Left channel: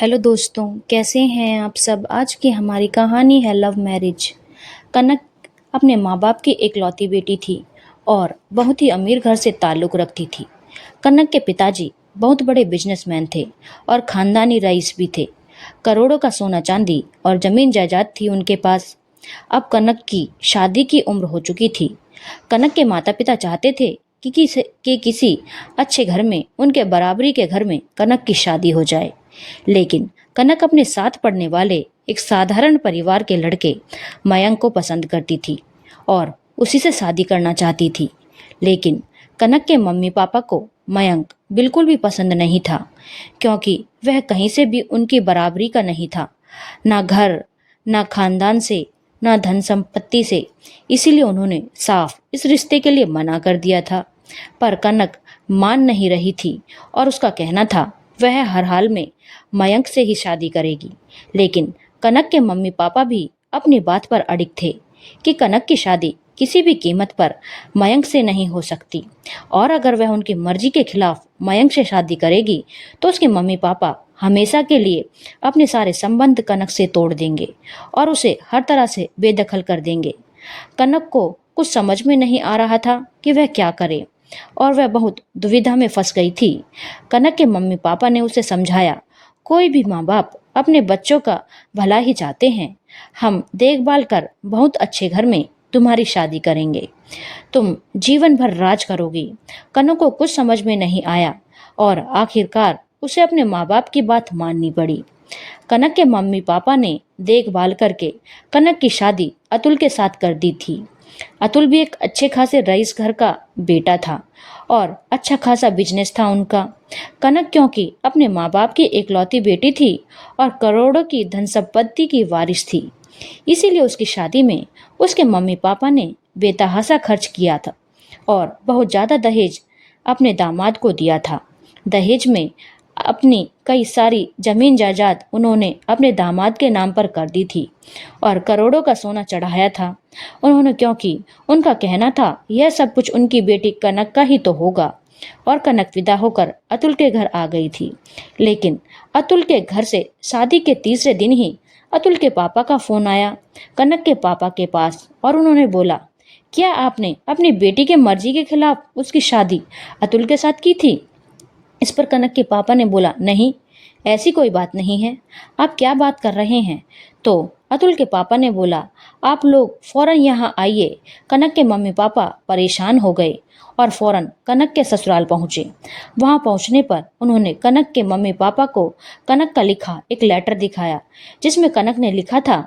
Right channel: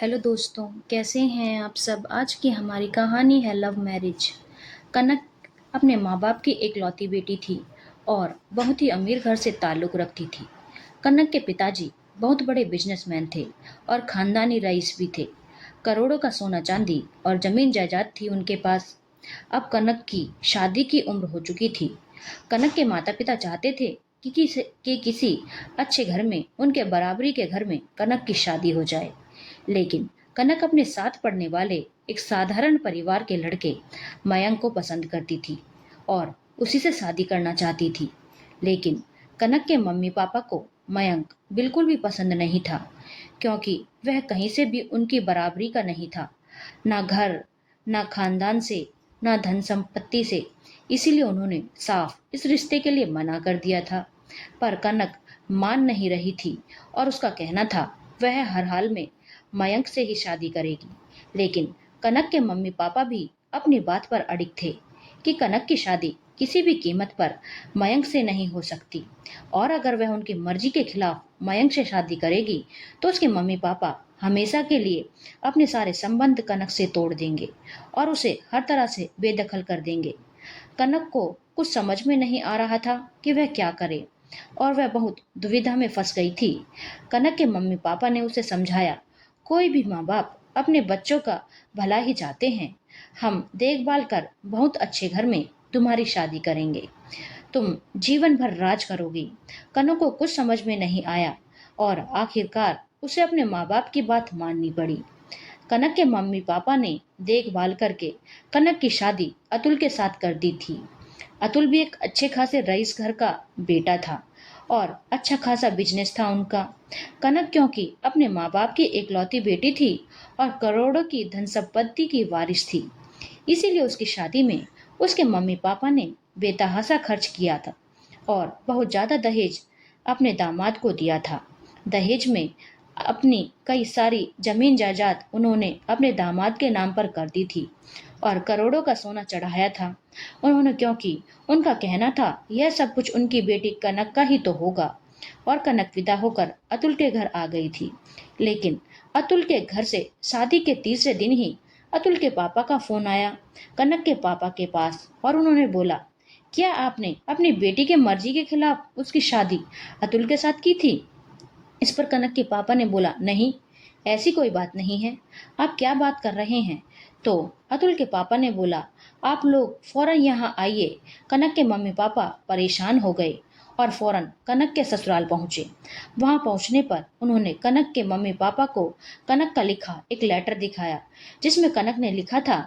Hello दोस्तों, कैसे हैं आप सब। आज की हमारी कहानी है लव मैरिज। कनक अपने माँ बाप की इकलौती बेटी थी और बहुत ही अमीर घर से ताल्लुक़ रखती थी। कनक के पिताजी बहुत बड़े बिजनेसमैन थे और ख़ानदानी रईस भी थे। करोड़ों का सोना चांदी और ज़मीन जायदाद थी उनके पास। अब कनक की शादी की उम्र हो चुकी थी। कनक के माता पिता चाहते थे कि किसी अच्छे घर में, उनके बराबरी के घर में कनक की शादी हो जाए। लेकिन कनक अपने साथ पढ़ने वाले एक साधारण परिवार के लड़के मयंक को पसंद करती थी और उसी से शादी करना चाहती थी। लेकिन कनक के मम्मी पापा को मयंक बिल्कुल भी पसंद नहीं था, क्योंकि वह कहीं से भी उनकी बराबरी का नहीं था, ना घर, ना खानदान से, ना धन संपत्ति से। इसीलिए उन्होंने साफ इस रिश्ते के लिए मना कर दिया था। पर कनक मान नहीं रही थी और उसका कहना था वह हर हाल में मयंक से ही शादी करेगी। लेकिन कनक के मम्मी पापा भी अपनी बात पर अड़िग थे कि कनक की शादी किसी भी कीमत पर मयंक से नहीं हो सकती, और अगर वह उनकी मर्जी के खिलाफ मयंक से शादी करेगी तो उसके मम्मी पापा हमेशा के लिए अपने सारे संबंध कनक से तोड़ देंगे और उसे हर तरह से बेदखल कर देंगे। कनक को कुछ समझ में नहीं आ रहा था कि वह क्या करे और वह बहुत दुविधा में फंस गई थी। कनक के मम्मी पापा ने उसे समझाया, कोई भी माँ बाप अपने बच्चों का भला ही चाहते हैं। हम देखभाल कर बहुत अच्छे घर में तुम्हारी शादी करेंगे, तुम जीवन भर राज करोगी। कनक को कुछ समझ में नहीं आया और आखिरकार उसे अपने माँ बाप की बात माननी पड़ी। कनक के मम्मी पापा ने देखभाल करके कनक की शादी अतुल के साथ कर दी थी। अतुल भी एक अच्छे खासे रईस घर का बेटा था और अच्छा खासा बिजनेस था उनका। कनक क्योंकि अपने माँ बाप की इकलौती बेटी थी और करोड़ों की धन संपत्ति की वारिस थी, इसीलिए उसकी शादी में उसके मम्मी पापा ने बेतहाशा खर्च किया था और बहुत ज़्यादा दहेज अपने दामाद को दिया था। दहेज में अपनी कई सारी जमीन जायदाद उन्होंने अपने दामाद के नाम पर कर दी थी और करोड़ों का सोना चढ़ाया था उन्होंने, क्योंकि उनका कहना था यह सब कुछ उनकी बेटी कनक का ही तो होगा। और कनक विदा होकर अतुल के घर आ गई थी। लेकिन अतुल के घर से शादी के तीसरे दिन ही अतुल के पापा का फोन आया कनक के पापा के पास और उन्होंने बोला, क्या आपने अपनी बेटी के मर्जी के खिलाफ उसकी शादी अतुल के साथ की थी। इस पर कनक के पापा ने बोला, नहीं, ऐसी कोई बात नहीं है, आप क्या बात कर रहे हैं। तो अतुल के पापा ने बोला, आप लोग फौरन यहाँ आइए। कनक के मम्मी पापा परेशान हो गए और फौरन कनक के ससुराल पहुँचे। वहाँ पहुँचने पर उन्होंने कनक के मम्मी पापा को कनक का लिखा एक लेटर दिखाया, जिसमें कनक ने लिखा था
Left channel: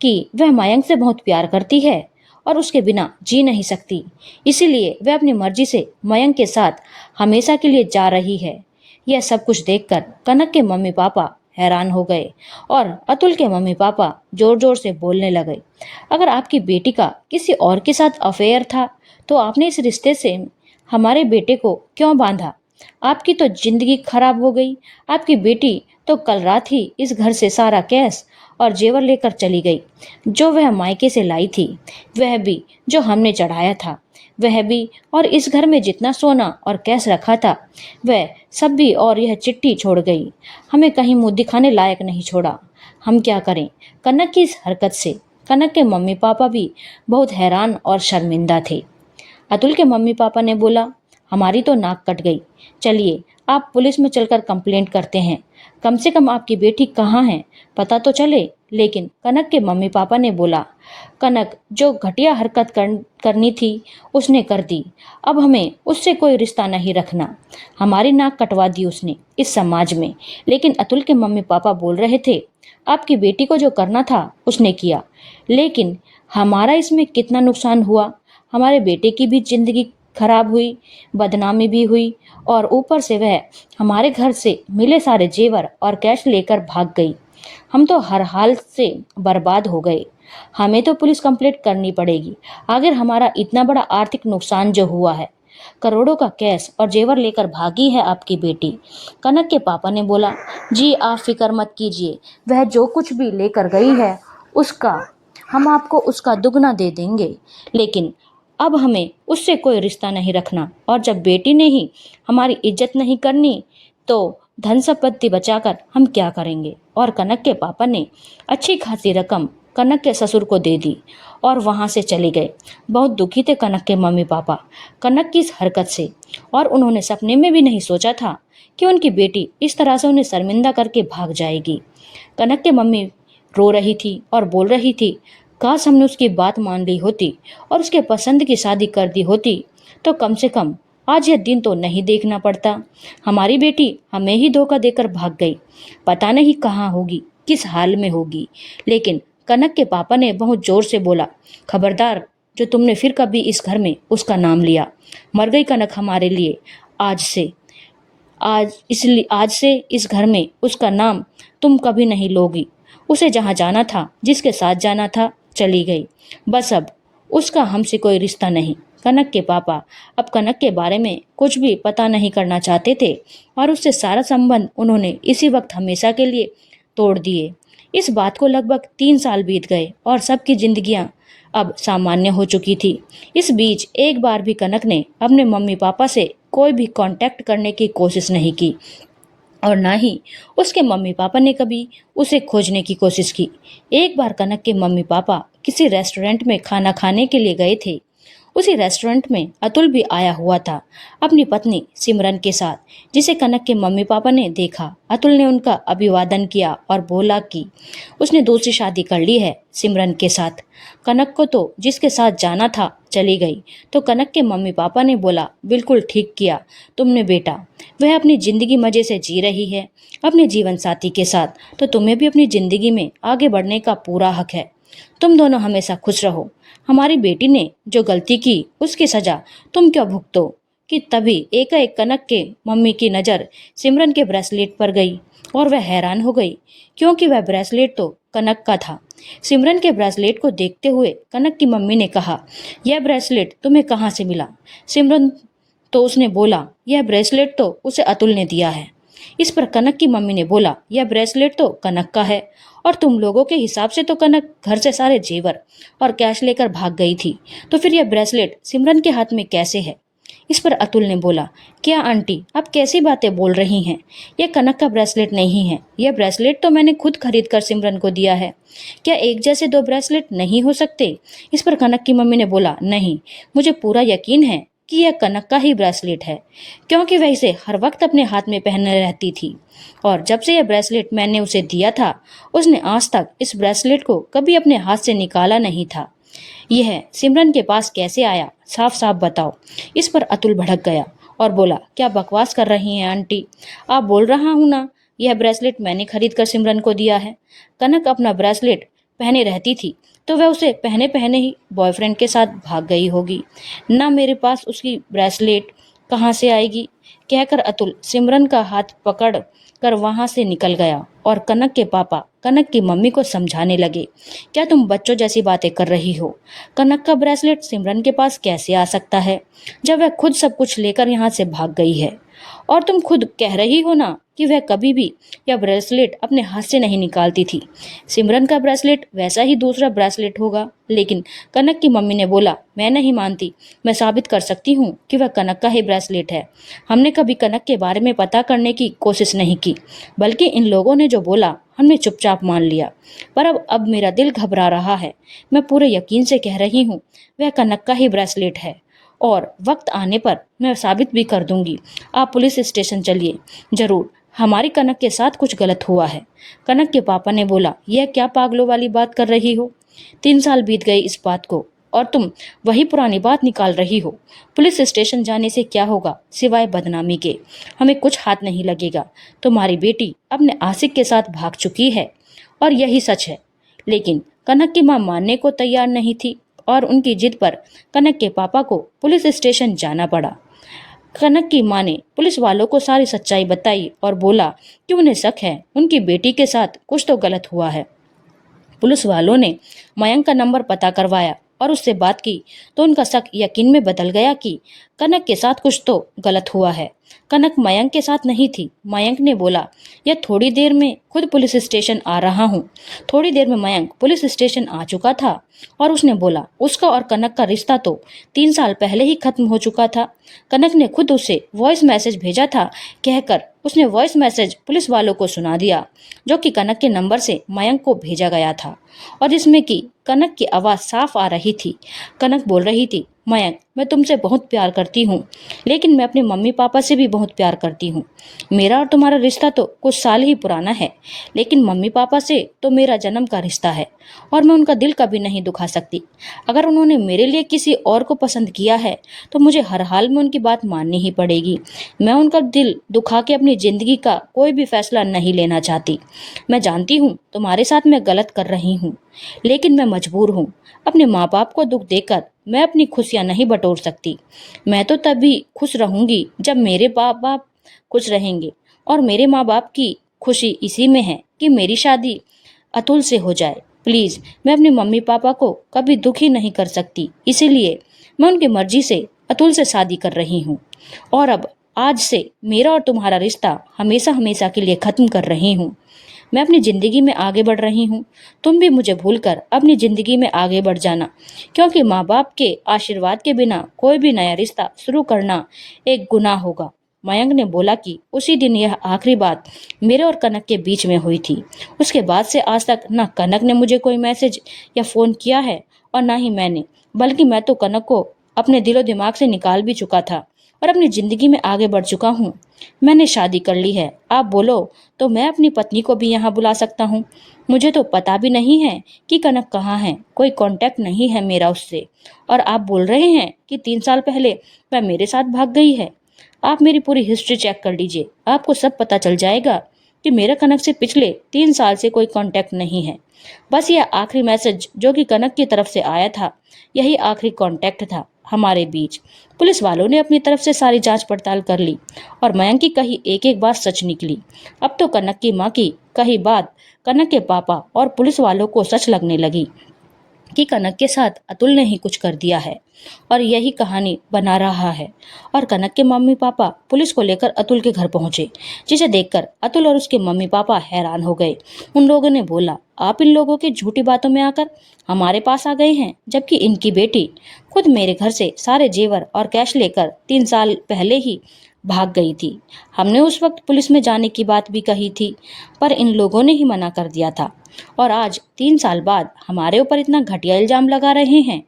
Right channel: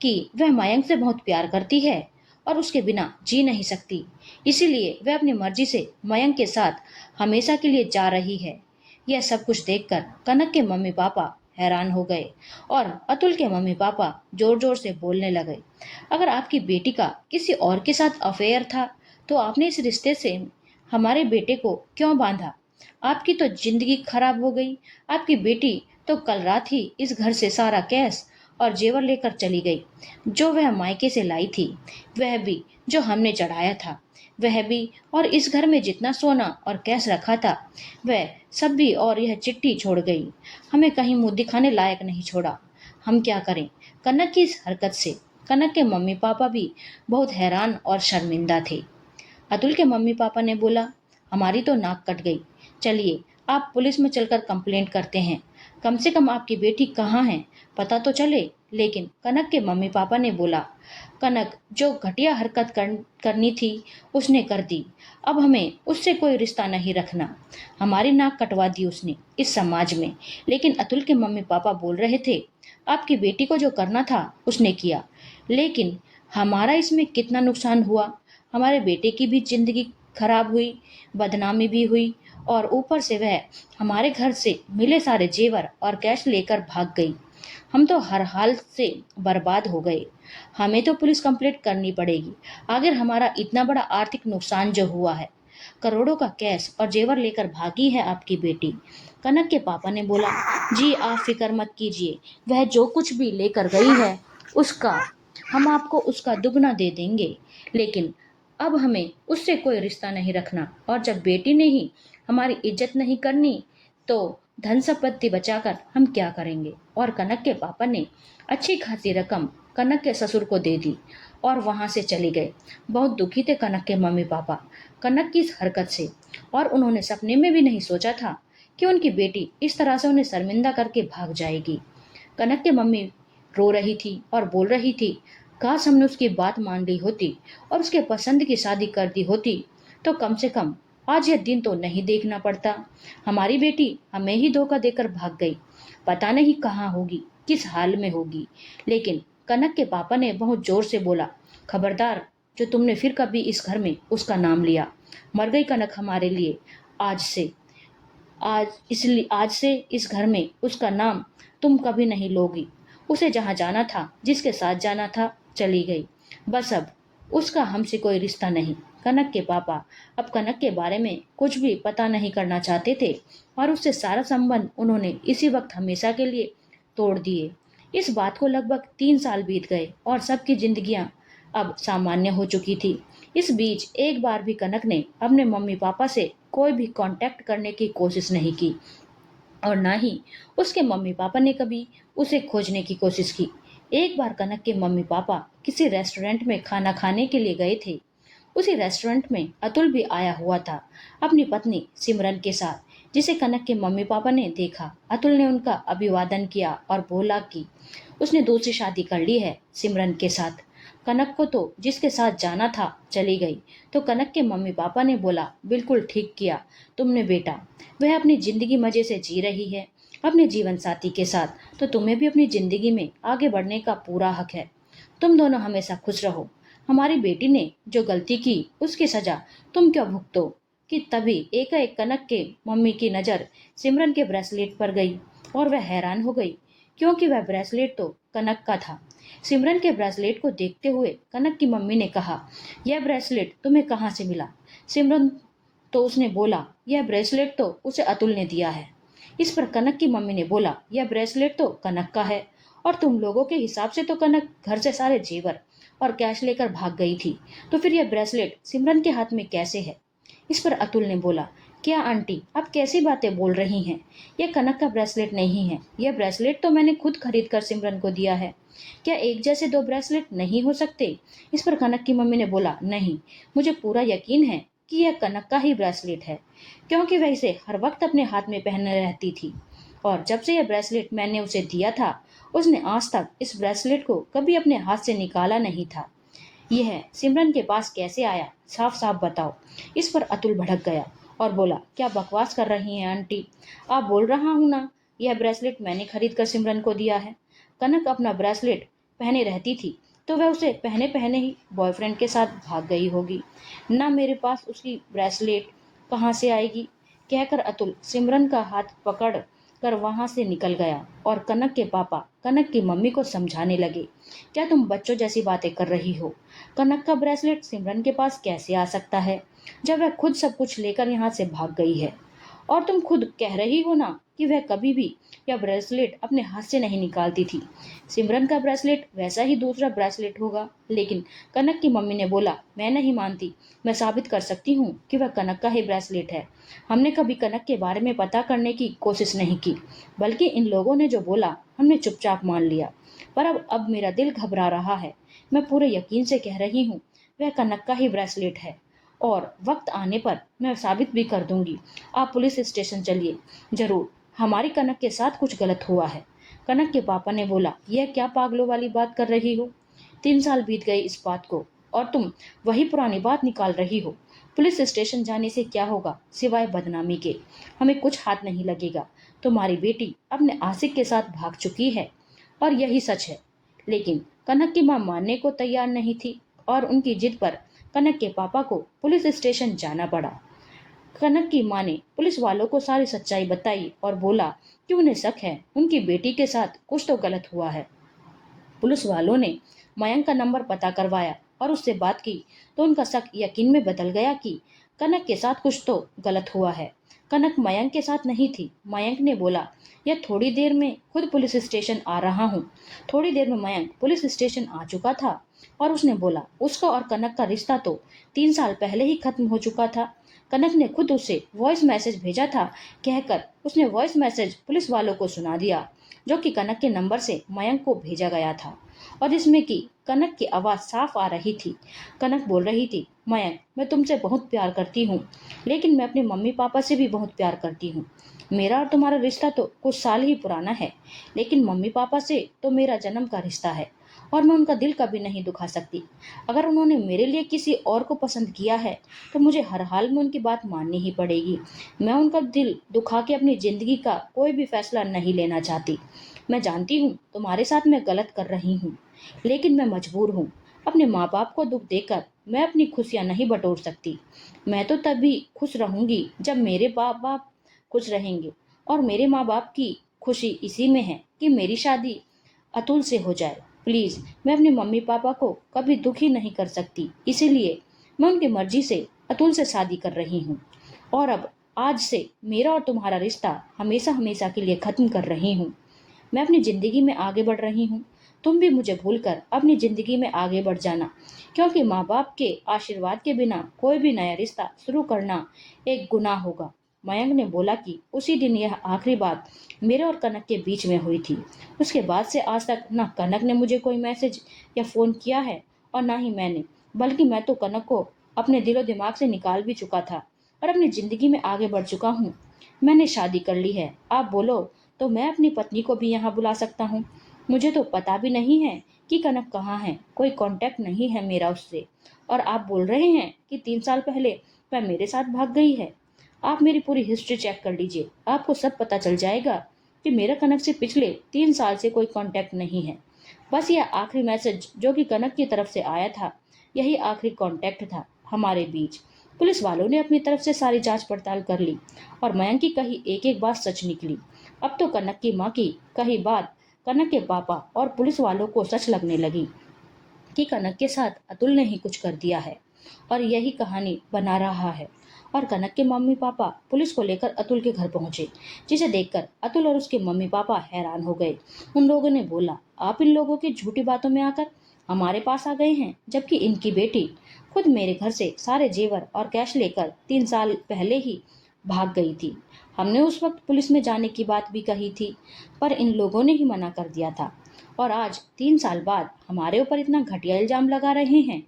कि वह मयंक से बहुत प्यार करती है और उसके बिना जी नहीं सकती, इसीलिए वह अपनी मर्जी से मयंक के साथ हमेशा के लिए जा रही है। यह सब कुछ देखकर कनक के मम्मी पापा हैरान हो गए और अतुल के मम्मी पापा जोर जोर से बोलने लगे, अगर आपकी बेटी का किसी और के साथ अफेयर था तो आपने इस रिश्ते से हमारे बेटे को क्यों बांधा। आपकी तो जिंदगी खराब हो गई। आपकी बेटी तो कल रात ही इस घर से सारा कैश और जेवर लेकर चली गई, जो वह मायके से लाई थी, वह भी जो हमने चढ़ाया था, वह भी, और इस घर में जितना सोना और कैश रखा था वह सब भी, और यह चिट्ठी छोड़ गई, हमें कहीं मुंह दिखाने लायक नहीं छोड़ा। हम क्या करें। कनक की इस हरकत से कनक के मम्मी पापा भी बहुत हैरान और शर्मिंदा थे। अतुल के मम्मी पापा ने बोला, हमारी तो नाक कट गई, चलिए आप पुलिस में चलकर कंप्लेंट करते हैं, कम से कम आपकी बेटी कहाँ है पता तो चले। लेकिन कनक के मम्मी पापा ने बोला, कनक जो घटिया हरकत करनी थी उसने कर दी, अब हमें उससे कोई रिश्ता नहीं रखना। हमारी नाक कटवा दी उसने इस समाज में। लेकिन अतुल के मम्मी पापा बोल रहे थे, आपकी बेटी को जो करना था उसने किया, लेकिन हमारा इसमें कितना नुकसान हुआ। हमारे बेटे की भी जिंदगी खराब हुई, बदनामी भी हुई, और ऊपर से वह हमारे घर से मिले सारे जेवर और कैश लेकर भाग गई। हम तो हर हाल से बर्बाद हो गए। हमें तो पुलिस कंप्लेंट करनी पड़ेगी। आखिर हमारा इतना बड़ा आर्थिक नुकसान जो हुआ है, करोड़ों का कैश और जेवर लेकर भागी है आपकी बेटी। कनक के पापा ने बोला, जी आप फिक्र मत कीजिए, वह जो कुछ भी लेकर गई है उसका हम आपको उसका दुगना दे देंगे, लेकिन अब हमें उससे कोई रिश्ता नहीं रखना, और जब बेटी ने ही हमारी इज्जत नहीं करनी तो धन संपत्ति बचाकर हम क्या करेंगे। और कनक के पापा ने अच्छी खासी रकम कनक के ससुर को दे दी और वहाँ से चले गए। बहुत दुखी थे कनक के मम्मी पापा कनक की इस हरकत से, और उन्होंने सपने में भी नहीं सोचा था कि उनकी बेटी इस तरह से उन्हें शर्मिंदा करके भाग जाएगी। कनक के मम्मी रो रही थी और बोल रही थी, काश हमने उसकी बात मान ली होती और उसके पसंद की शादी कर दी होती, तो कम से कम आज यह दिन तो नहीं देखना पड़ता। हमारी बेटी हमें ही धोखा देकर भाग गई, पता नहीं कहाँ होगी, किस हाल में होगी। लेकिन कनक के पापा ने बहुत जोर से बोला, खबरदार, जो तुमने फिर कभी इस घर में उसका नाम लिया, मर गई कनक हमारे लिए। आज से आज से इस घर में उसका नाम तुम कभी नहीं लोगी। उसे जहाँ जाना था, जिसके साथ जाना था, चली गई। बस अब उसका हमसे कोई रिश्ता नहीं। कनक के पापा अब कनक के बारे में कुछ भी पता नहीं करना चाहते थे और उससे सारा संबंध उन्होंने इसी वक्त हमेशा के लिए तोड़ दिए। इस बात को लगभग 3 साल बीत गए और सबकी जिंदगियां अब सामान्य हो चुकी थी। इस बीच एक बार भी कनक ने अपने मम्मी पापा से कोई भी कांटेक्ट करने की कोशिश नहीं की और ना ही उसके मम्मी पापा ने कभी उसे खोजने की कोशिश की। एक बार कनक के मम्मी पापा किसी रेस्टोरेंट में खाना खाने के लिए गए थे। उसी रेस्टोरेंट में अतुल भी आया हुआ था अपनी पत्नी सिमरन के साथ, जिसे कनक के मम्मी पापा ने देखा। अतुल ने उनका अभिवादन किया और बोला कि उसने दूसरी शादी कर ली है सिमरन के साथ। कनक को तो जिसके साथ जाना था चली गई। तो कनक के मम्मी पापा ने बोला, बिल्कुल ठीक किया तुमने बेटा, वह अपनी जिंदगी मजे से जी रही है अपने जीवन साथी के साथ, तो तुम्हें भी अपनी जिंदगी में आगे बढ़ने का पूरा हक है। तुम दोनों हमेशा खुश रहो। हमारी बेटी ने जो गलती की उसकी सजा तुम क्यों भुगतो। कि तभी एकाएक कनक के मम्मी की नज़र सिमरन के ब्रेसलेट पर गई और वह हैरान हो गई, क्योंकि वह ब्रेसलेट तो कनक का था। सिमरन के ब्रेसलेट को देखते हुए कनक की मम्मी ने कहा, यह ब्रेसलेट तुम्हें कहाँ से मिला। सिमरन तो उसने बोला, यह ब्रेसलेट तो उसे अतुल ने दिया है। इस पर कनक की मम्मी ने बोला, यह ब्रेसलेट तो कनक का है और तुम लोगों के हिसाब से तो कनक घर से सारे जेवर और कैश लेकर भाग गई थी, तो फिर यह ब्रेसलेट सिमरन के हाथ में कैसे है। इस पर अतुल ने बोला, क्या आंटी आप कैसी बातें बोल रही हैं, यह कनक का ब्रेसलेट नहीं है। यह ब्रेसलेट तो मैंने खुद खरीद कर सिमरन को दिया है। क्या एक जैसे दो ब्रेसलेट नहीं हो सकते। इस पर कनक की मम्मी ने बोला, नहीं, मुझे पूरा यकीन है कि यह कनक का ही ब्रेसलेट है, क्योंकि वह इसे हर वक्त अपने हाथ में पहने रहती थी और जब से यह ब्रेसलेट मैंने उसे दिया था उसने आज तक इस ब्रेसलेट को कभी अपने हाथ से निकाला नहीं था। यह सिमरन के पास कैसे आया, साफ साफ बताओ। इस पर अतुल भड़क गया और बोला, क्या बकवास कर रही हैं आंटी, आप बोल रहा हूँ ना, यह ब्रेसलेट मैंने खरीद कर सिमरन को दिया है। कनक अपना ब्रेसलेट पहने रहती थी तो वह उसे पहने पहने ही बॉयफ्रेंड के साथ भाग गई होगी, ना मेरे पास उसकी ब्रेसलेट कहाँ से आएगी। कहकर अतुल सिमरन का हाथ पकड़ कर वहां से निकल गया और कनक के पापा कनक की मम्मी को समझाने लगे, क्या तुम बच्चों जैसी बातें कर रही हो। कनक का ब्रेसलेट सिमरन के पास कैसे आ सकता है जब वह खुद सब कुछ लेकर यहाँ से भाग गई है। और तुम खुद कह रही हो ना कि वह कभी भी यह ब्रेसलेट अपने हाथ से नहीं निकालती थी। सिमरन का ब्रेसलेट वैसा ही दूसरा ब्रेसलेट होगा। लेकिन कनक की मम्मी ने बोला, मैं नहीं मानती, मैं साबित कर सकती हूँ कि वह कनक का ही ब्रेसलेट है। हमने कभी कनक के बारे में पता करने की कोशिश नहीं की, बल्कि इन लोगों ने जो बोला हमने चुपचाप मान लिया। पर अब मेरा दिल घबरा रहा है। मैं पूरे यकीन से कह रही हूँ वह कनक का ही ब्रेसलेट है और वक्त आने पर मैं साबित भी कर दूंगी। आप पुलिस स्टेशन चलिए, जरूर हमारी कनक के साथ कुछ गलत हुआ है। कनक के पापा ने बोला, यह क्या पागलों वाली बात कर रही हो। 3 साल बीत गए इस बात को और तुम वही पुरानी बात निकाल रही हो। पुलिस स्टेशन जाने से क्या होगा सिवाय बदनामी के, हमें कुछ हाथ नहीं लगेगा। तुम्हारी बेटी अपने आशिक के साथ भाग चुकी है और यही सच है। लेकिन कनक की मां मानने को तैयार नहीं थी और उनकी जिद पर कनक के पापा को पुलिस स्टेशन जाना पड़ा। कनक की मां ने पुलिस वालों को सारी सच्चाई बताई और बोला कि उन्हें शक है उनकी बेटी के साथ कुछ तो गलत हुआ है। पुलिस वालों ने मयंक का नंबर पता करवाया और उससे बात की तो उनका शक यकीन में बदल गया कि कनक के साथ कुछ तो गलत हुआ है। कनक मयंक के साथ नहीं थी। मयंक ने बोला, यह थोड़ी देर में खुद पुलिस स्टेशन आ रहा हूँ। थोड़ी देर में मयंक पुलिस स्टेशन आ चुका था और उसने बोला उसका और कनक का रिश्ता तो 3 साल पहले ही खत्म हो चुका था। कनक ने खुद उसे वॉइस मैसेज भेजा था, कहकर उसने वॉइस मैसेज पुलिस वालों को सुना दिया, जो कि कनक के नंबर से मयंक को भेजा गया था और जिसमें कि कनक की आवाज़ साफ आ रही थी। कनक बोल रही थी, मयंक, मैं तुमसे बहुत प्यार करती हूँ, लेकिन मैं अपने मम्मी पापा से भी बहुत प्यार करती हूँ। मेरा और तुम्हारा रिश्ता तो कुछ साल ही पुराना है, लेकिन मम्मी पापा से तो मेरा जन्म का रिश्ता है और मैं उनका दिल कभी नहीं दुखा सकती। अगर उन्होंने मेरे लिए किसी और को पसंद किया है तो मुझे हर हाल में उनकी बात माननी ही पड़ेगी। मैं उनका दिल दुखा के अपनी ज़िंदगी का कोई भी फैसला नहीं लेना चाहती। मैं जानती हूँ तुम्हारे साथ मैं गलत कर रही हूँ, लेकिन मैं मजबूर हूँ। अपने माँ बाप को दुख देकर मैं अपनी खुशियाँ नहीं बटोर सकती। मैं तो तभी खुश रहूँगी जब मेरे माँ बाप खुश रहेंगे और मेरे माँ बाप की खुशी इसी में है कि मेरी शादी अतुल से हो जाए। प्लीज़, मैं अपने मम्मी पापा को कभी दुखी नहीं कर सकती, इसीलिए मैं उनकी मर्जी से अतुल से शादी कर रही हूँ और अब आज से मेरा और तुम्हारा रिश्ता हमेशा हमेशा के लिए ख़त्म कर रही हूँ। मैं अपनी ज़िंदगी में आगे बढ़ रही हूँ। तुम भी मुझे भूलकर अपनी ज़िंदगी में आगे बढ़ जाना, क्योंकि माँ बाप के आशीर्वाद के बिना कोई भी नया रिश्ता शुरू करना एक गुनाह होगा। मयंक ने बोला कि उसी दिन यह आखिरी बात मेरे और कनक के बीच में हुई थी। उसके बाद से आज तक ना कनक ने मुझे कोई मैसेज या फ़ोन किया है और ना ही मैंने, बल्कि मैं तो कनक को अपने दिलो दिमाग से निकाल भी चुका था और अपनी ज़िंदगी में आगे बढ़ चुका हूँ। मैंने शादी कर ली है। आप बोलो तो मैं अपनी पत्नी को भी यहाँ बुला सकता हूँ। मुझे तो पता भी नहीं है कि कनक कहाँ है, कोई कांटेक्ट नहीं है मेरा उससे। और आप बोल रहे हैं कि 3 साल पहले वह मेरे साथ भाग गई है। आप मेरी पूरी हिस्ट्री चेक कर लीजिए, आपको सब पता चल जाएगा कि मेरा कनक से पिछले 3 साल से कोई कांटेक्ट नहीं है। बस यह आखिरी मैसेज जो कि कनक की तरफ से आया था, यही आखिरी कांटेक्ट था हमारे बीच। पुलिस वालों ने अपनी तरफ से सारी जांच पड़ताल कर ली और मयंक की कही एक एक बात सच निकली। अब तो कनक की माँ की कही बात कनक के पापा और पुलिस वालों को सच लगने लगी कि कनक के साथ अतुल ने ही कुछ कर दिया है और यही कहानी बना रहा है। और कनक के मम्मी पापा पुलिस को लेकर अतुल के घर पहुंचे, जिसे देखकर अतुल और उसके मम्मी पापा हैरान हो गए। उन लोगों ने बोला, आप इन लोगों की झूठी बातों में आकर हमारे पास आ गए हैं, जबकि इनकी बेटी खुद मेरे घर से सारे जेवर और कैश लेकर 3 साल पहले ही भाग गई थी। हमने उस वक्त पुलिस में जाने की बात भी कही थी, पर इन लोगों ने ही मना कर दिया था और आज 3 साल बाद हमारे ऊपर इतना घटिया इल्जाम लगा रहे हैं।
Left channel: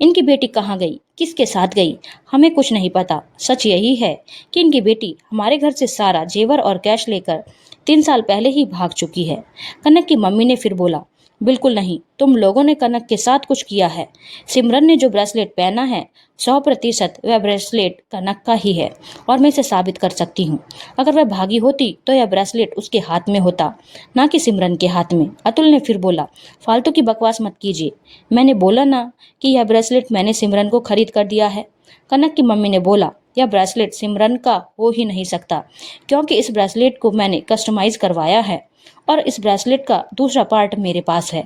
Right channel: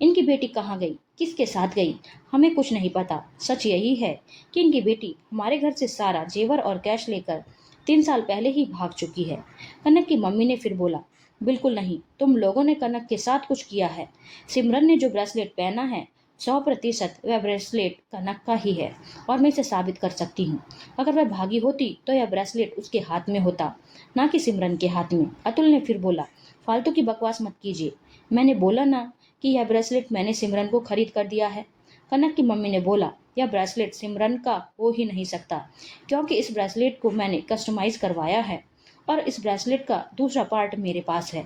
इनकी बेटी कहाँ गई, किसके साथ गई, हमें कुछ नहीं पता। सच यही है कि इनकी बेटी हमारे घर से सारा जेवर और कैश लेकर 3 साल पहले ही भाग चुकी है। कनक की मम्मी ने फिर बोला, बिल्कुल नहीं, तुम लोगों ने कनक के साथ कुछ किया है। सिमरन ने जो ब्रेसलेट पहना है 100% वह ब्रेसलेट कनक का ही है और मैं इसे साबित कर सकती हूँ। अगर वह भागी होती तो यह ब्रेसलेट उसके हाथ में होता, ना कि सिमरन के हाथ में। अतुल ने फिर बोला, फालतू की बकवास मत कीजिए, मैंने बोला ना कि यह ब्रेसलेट मैंने सिमरन को खरीद कर दिया है। कनक की मम्मी ने बोला, यह ब्रेसलेट सिमरन का हो ही नहीं सकता, क्योंकि इस ब्रेसलेट को मैंने कस्टमाइज करवाया है और इस ब्रेसलेट का दूसरा पार्ट मेरे पास है।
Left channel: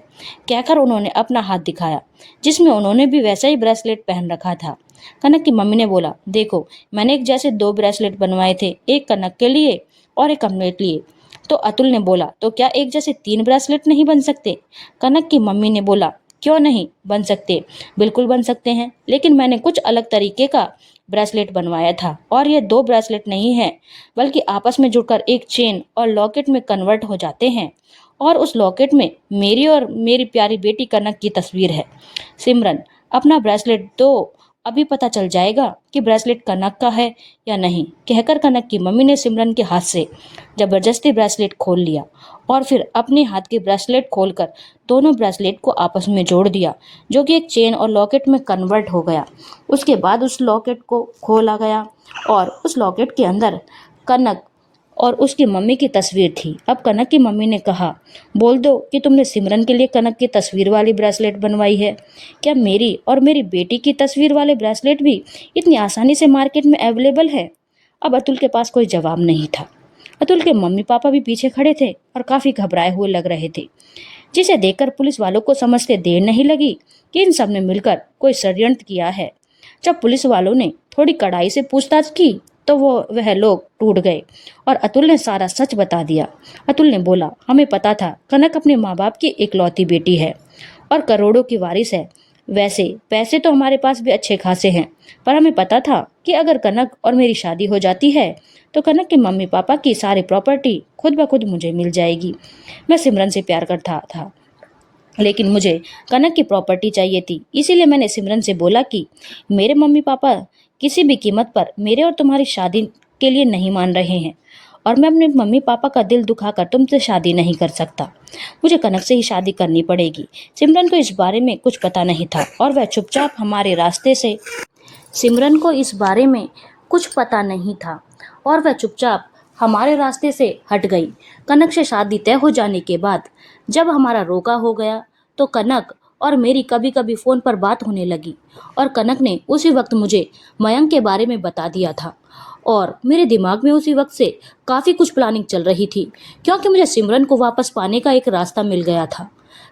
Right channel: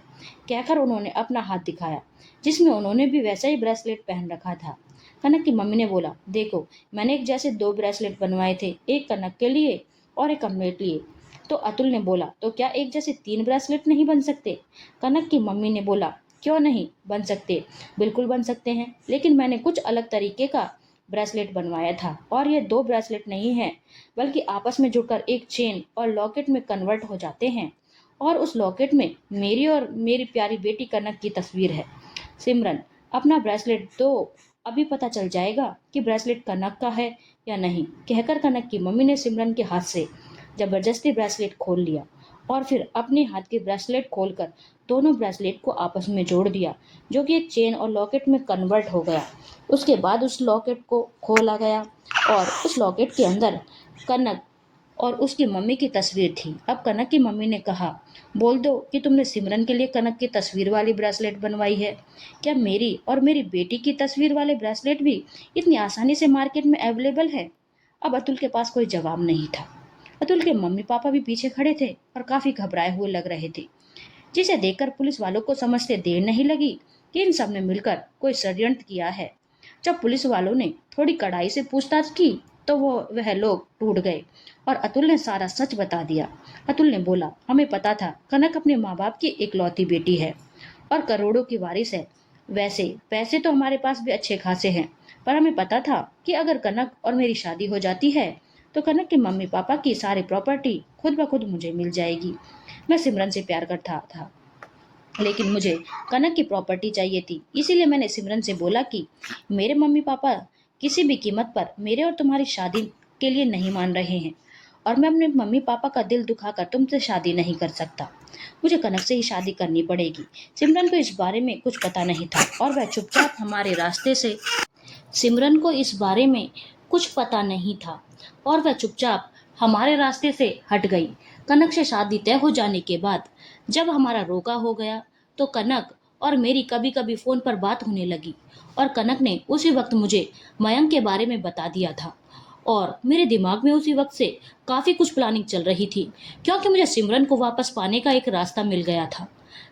कहकर उन्होंने अपना हाथ दिखाया, जिसमें उन्होंने भी वैसा ही ब्रेसलेट पहन रखा था। कनक की मम्मी ने बोला, देखो, मैंने एक जैसे 2 ब्रेसलेट बनवाए थे, एक कनक के लिए और एक अपने लिए। तो अतुल ने बोला, तो क्या एक जैसे 3 ब्रेसलेट नहीं बन सकते? कनक की मम्मी ने बोला, क्यों नहीं बन सकते, बिल्कुल बन सकते हैं, लेकिन मैंने कुछ अलग तरीके का ब्रेसलेट बनवाया था और ये 2 ब्रेसलेट नहीं है, बल्कि आपस में जुड़कर एक चेन और लॉकेट में कन्वर्ट हो जाते हैं और उस लॉकेट में मेरी और मेरी प्यारी बेटी कनक की तस्वीर है। सिमरन, अपना ब्रेसलेट दो, अभी पता चल जाएगा कि ब्रेसलेट कनक का है या नहीं। कहकर कनक की मम्मी ने सिमरन के हाथ से जबरदस्ती ब्रेसलेट खोल लिया और फिर अपने हाथ के ब्रेसलेट खोलकर दोनों ब्रेसलेट को आपस में जोड़ दिया, जो कि एक चेन और लॉकेट में कन्वर्ट हो गया। उसके बाद उस लॉकेट को खोला गया और उस लॉकेट के अंदर कनक और उसकी मम्मी की तस्वीर थी। अब कनक की मम्मी ने कहा, बोल दो कि तुमने सिमरन के लिए कनक की तस्वीर वाली ब्रेसलेट बनवाई है। क्या मेरी और मेरी बेटी की तस्वीर वाले ब्रेसलेट भी इतनी आसानी से मार्केट में अवेलेबल है? अब अतुल के पास कोई जवाब नहीं था। अतुल के मम्मी पापा भी पीछे खड़े थे और काफ़ी घबराए हुए लग रहे थे, जिसे देखकर पुलिस वालों को समझते देर नहीं लगी कि इन सब ने मिलकर कोई षड्यंत्र किया है। जब पुलिस वालों ने थोड़ी कड़ाई से पूछताछ की तो वह लोग टूट गए और अतुल ने सारा सच बता दिया। अतुल ने बोला, हमें पता था कनक अपने माँ बाप की इकलौती बेटी है और करोड़ों की वारिस है। वैसे पैसे तो हमारे पास भी अच्छे खासे हैं, पर हमें पता था कि अगर कनक और मेरी शादी हो जाती है तो कनक के मम्मी पापा की सारी प्रॉपर्टी खुद ब खुद मुझे मिल जाएगी। मैं सिमरन से प्यार करता था, लेकिन मुझे कनक की प्रॉपर्टी चाहिए थी। इसीलिए मैंने सिमरन से बोला कि मेरे मम्मी पापा किसी भी कीमत पर मेरे और तुम्हारी शादी के लिए नहीं मान रहे हैं और मैं अपने मम्मी पापा का दिल दुखाकर तुमसे शादी नहीं कर सकता। मुझे कनक से ही शादी करनी पड़ेगी। सिमरन को इस बारे में कुछ पता नहीं था और वह चुपचाप हमारे रास्ते से सिमरन को इस बारे में कुछ पता नहीं था और वह चुपचाप हमारे रास्ते से हट गई। कनक से शादी तय हो जाने के बाद जब हमारा रोका हो गया तो कनक और मेरी कभी कभी फ़ोन पर बात होने लगी और कनक ने उसी वक्त मुझे मयंक के बारे में बता दिया था और मेरे दिमाग में उसी वक्त से काफ़ी कुछ प्लानिंग चल रही थी, क्योंकि मुझे सिमरन को वापस पाने का एक रास्ता मिल गया था।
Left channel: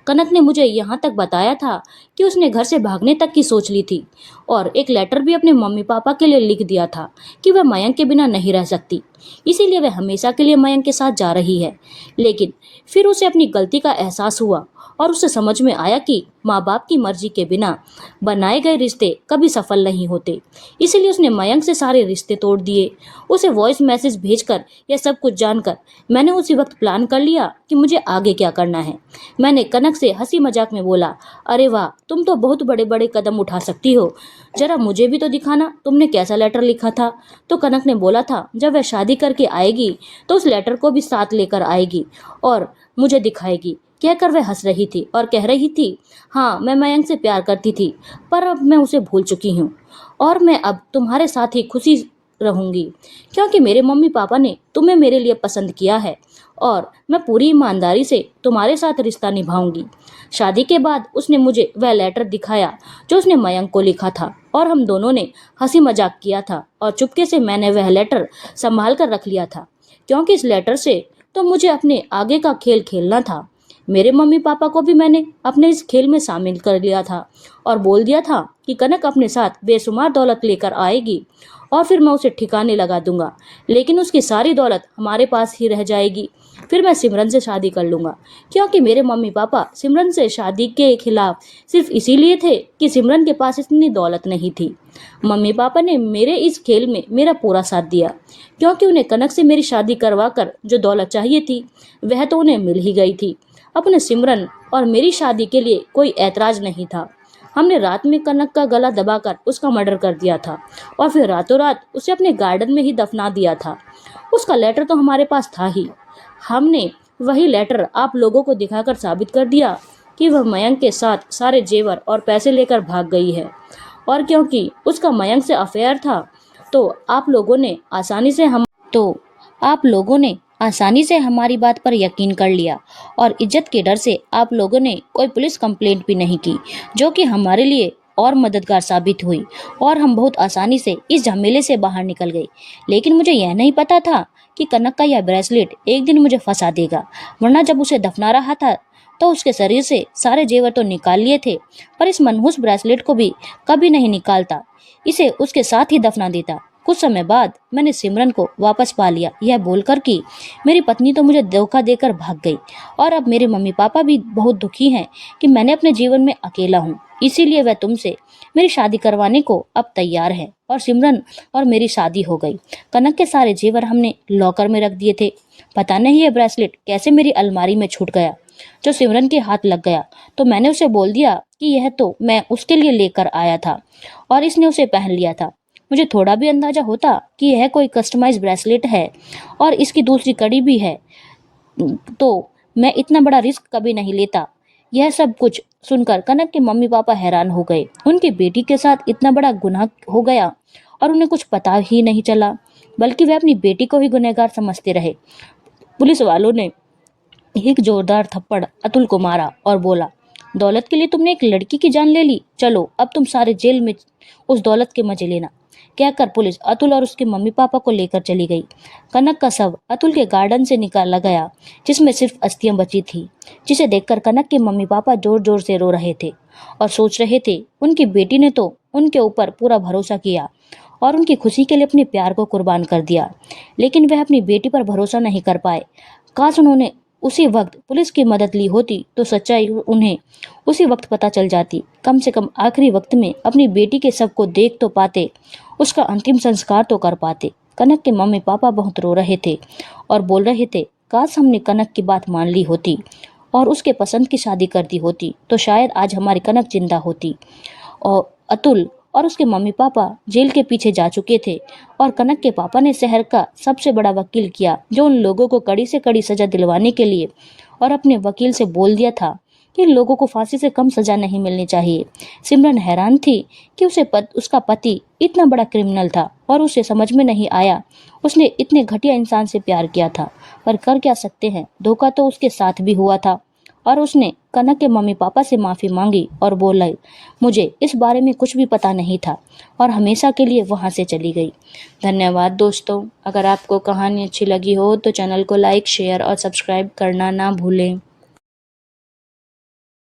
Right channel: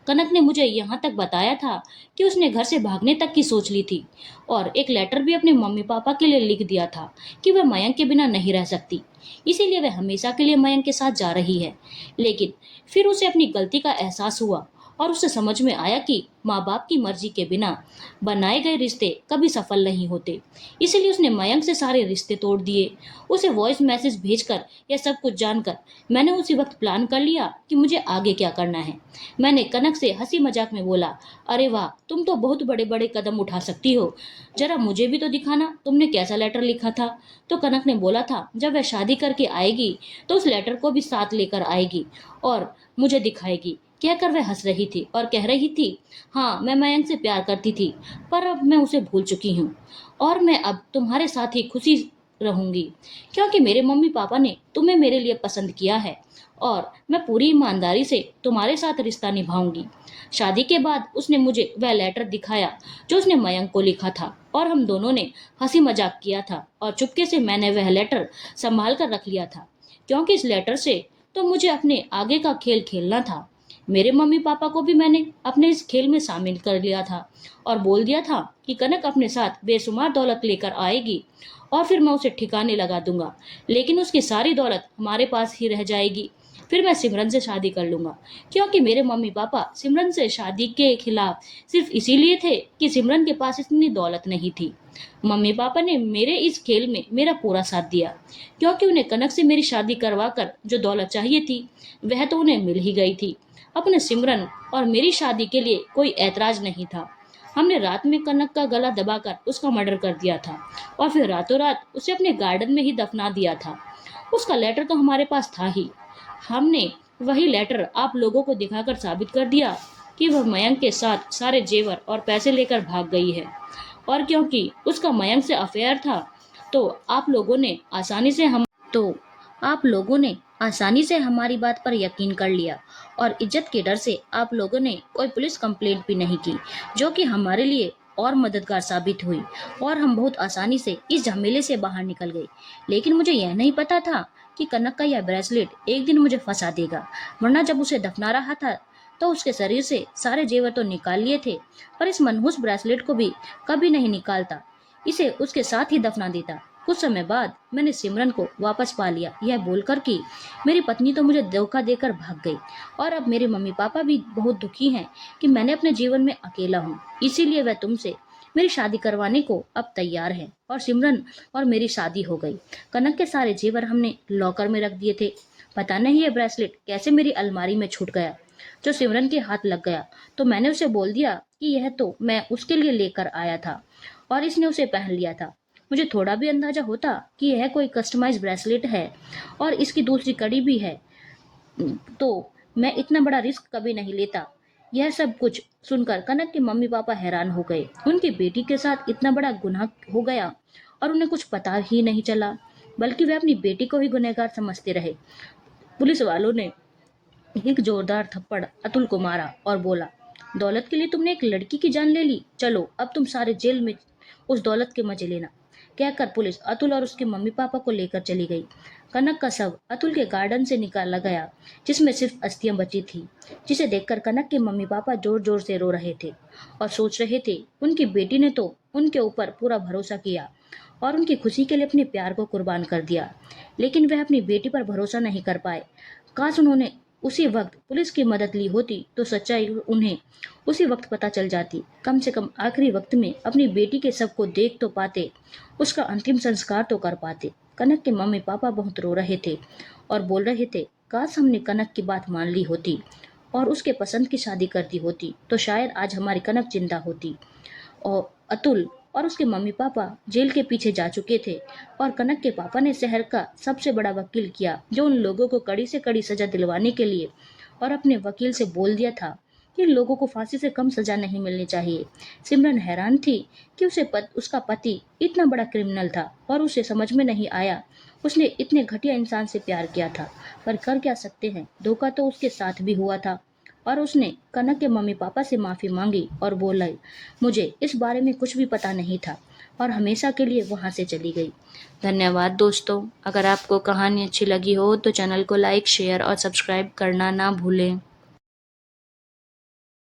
कनक ने मुझे यहाँ तक बताया था कि उसने घर से भागने तक की सोच ली थी और एक लेटर भी अपने मम्मी पापा के लिए लिख दिया था कि वह मयंक के बिना नहीं रह सकती, इसीलिए वह हमेशा के लिए मयंक के साथ जा रही है। लेकिन फिर उसे अपनी गलती का एहसास हुआ और उसे समझ में आया कि माँ बाप की मर्जी के बिना बनाए गए रिश्ते कभी सफल नहीं होते। इसलिए उसने मयंक से सारे रिश्ते तोड़ दिए। उसे वॉइस मैसेज भेजकर यह सब कुछ जानकर मैंने उसी वक्त प्लान कर लिया कि मुझे आगे क्या करना है। मैंने कनक से हंसी मजाक में बोला, अरे वाह, तुम तो बहुत बड़े बड़े कदम उठा सकती हो, जरा मुझे भी तो दिखाना तुमने कैसा लेटर लिखा था। तो कनक ने बोला था जब वह शादी करके आएगी तो उस लेटर को भी साथ लेकर आएगी और मुझे दिखाएगी। कहकर वह हंस रही थी और कह रही थी, हाँ, मैं मयंक से प्यार करती थी पर अब मैं उसे भूल चुकी हूँ और मैं अब तुम्हारे साथ ही खुशी रहूंगी, क्योंकि मेरे मम्मी पापा ने तुम्हें मेरे लिए पसंद किया है और मैं पूरी ईमानदारी से तुम्हारे साथ रिश्ता निभाऊंगी। शादी के बाद उसने मुझे वह लेटर दिखाया जो उसने मयंक को लिखा था और हम दोनों ने हंसी मजाक किया था और चुपके से मैंने वह लेटर संभाल कर रख लिया था, क्योंकि इस लेटर से तो मुझे अपने आगे का खेल खेलना था। मेरे मम्मी पापा को भी मैंने अपने इस खेल में शामिल कर लिया था और बोल दिया था कि कनक अपने साथ बेशुमार दौलत लेकर आएगी और फिर मैं उसे ठिकाने लगा दूंगा, लेकिन उसकी सारी दौलत हमारे पास ही रह जाएगी। फिर मैं सिमरन से शादी कर लूंगा, क्योंकि मेरे मम्मी पापा सिमरन से शादी के खिलाफ सिर्फ इसीलिए थे कि सिमरन के पास इतनी दौलत नहीं थी। मम्मी पापा ने मेरे इस खेल में मेरा पूरा साथ दिया, क्योंकि उन्हें कनक से मेरी शादी करवा कर जो दौलत चाहिए थी वह तो उन्हें मिल ही गई थी। अपने सिमरन और मेरी शादी के लिए कोई ऐतराज नहीं था। हमने रात में कनक का गला दबाकर उसका मर्डर कर दिया था और फिर रातों रात उसे अपने गार्डन में ही दफना दिया था। उसका लेटर तो हमारे पास था ही। हमने वही लेटर आप लोगों को दिखाकर साबित कर दिया कि वह मयंक के साथ सारे जेवर और पैसे लेकर भाग गई है और क्योंकि उसका मयंक से अफेयर था तो आप लोगों ने आसानी से हमारी बात पर यकीन कर लिया और इज्जत के डर से आप लोगों ने कोई पुलिस कंप्लेंट भी नहीं की, जो कि हमारे लिए और मददगार साबित हुई और हम बहुत आसानी से इस झमेले से बाहर निकल गए। लेकिन मुझे यह नहीं पता था कि कनक का यह ब्रेसलेट एक दिन मुझे फंसा देगा, वरना जब उसे दफना रहा था तो उसके शरीर से सारे जेवर तो निकाल लिए थे, पर इस मनहूस ब्रेसलेट को भी कभी नहीं निकालता, इसे उसके साथ ही दफना देता। कुछ समय बाद मैंने सिमरन को वापस पा लिया, यह बोलकर कि मेरी पत्नी तो मुझे धोखा देकर भाग गई और अब मेरे मम्मी पापा भी बहुत दुखी हैं कि मैंने अपने जीवन में अकेला हूँ, इसीलिए वह तुमसे मेरी शादी करवाने को अब तैयार है और सिमरन और मेरी शादी हो गई। कनक के सारे जेवर हमने लॉकर में रख दिए थे। पता नहीं ये ब्रेसलेट कैसे मेरी अलमारी में छूट गया, जो सिमरन के हाथ लग गया तो मैंने उसे बोल दिया कि यह तो मैं उसके लिए लेकर आया था और इसने उसे पहन लिया था। मुझे थोड़ा भी अंदाजा होता कि यह कोई कस्टमाइज ब्रेसलेट है और इसकी दूसरी कड़ी भी है तो मैं इतना बड़ा रिस्क कभी नहीं लेता। यह सब कुछ सुनकर कनक के मम्मी पापा हैरान हो गए। उनकी बेटी के साथ इतना बड़ा गुनाह हो गया और उन्हें कुछ पता ही नहीं चला, बल्कि वे अपनी बेटी को ही गुनहगार समझते रहे। पुलिस वालों ने एक जोरदार थप्पड़ अतुल को मारा और बोला, दौलत के लिए तुमने एक लड़की की जान ले ली, चलो अब तुम सारे जेल में उस दौलत के मजे लेना। कहकर पुलिस अतुल और उसके मम्मी पापा को लेकर चली गई। कनक का शव अतुल के गार्डन से निकाला गया, जिसमें सिर्फ अस्थियां बची थी, जिसे देखकर कनक के मम्मी पापा जोर जोर से रो रहे थे और सोच रहे थे उनकी बेटी ने तो उनके ऊपर पूरा भरोसा किया और उनकी खुशी के लिए अपने प्यार को कुर्बान कर दिया, लेकिन वह अपनी बेटी पर भरोसा नहीं कर पाए। काश उन्होंने उसी वक्त पुलिस की मदद ली होती तो सच्चाई उन्हें उसी वक्त पता चल जाती। कम से कम आखिरी वक्त में अपनी बेटी के शव को देख तो पाते, उसका अंतिम संस्कार तो कर पाते। कनक के मम्मी पापा बहुत रो रहे थे और बोल रहे थे, काश हमने कनक की बात मान ली होती और उसके पसंद की शादी कर दी होती तो शायद आज हमारी कनक जिंदा होती। और अतुल और उसके मम्मी पापा जेल के पीछे जा चुके थे और कनक के पापा ने शहर का सबसे बड़ा वकील किया, जो उन लोगों को कड़ी से कड़ी सजा दिलवाने के लिए, और अपने वकील से बोल दिया था कि लोगों को फांसी से कम सजा नहीं मिलनी चाहिए। सिमरन हैरान थी कि उसका पति इतना बड़ा क्रिमिनल था और उसे समझ में नहीं आया उसने इतने घटिया इंसान से प्यार किया था। पर कर क्या सकते हैं, धोखा तो उसके साथ भी हुआ था। और उसने कनक के मम्मी पापा से माफ़ी मांगी और बोला, मुझे इस बारे में कुछ भी पता नहीं था, और हमेशा के लिए वहाँ से चली गई। धन्यवाद दोस्तों। अगर आपको कहानी अच्छी लगी हो तो चैनल को लाइक, शेयर और सब्सक्राइब करना ना भूलें।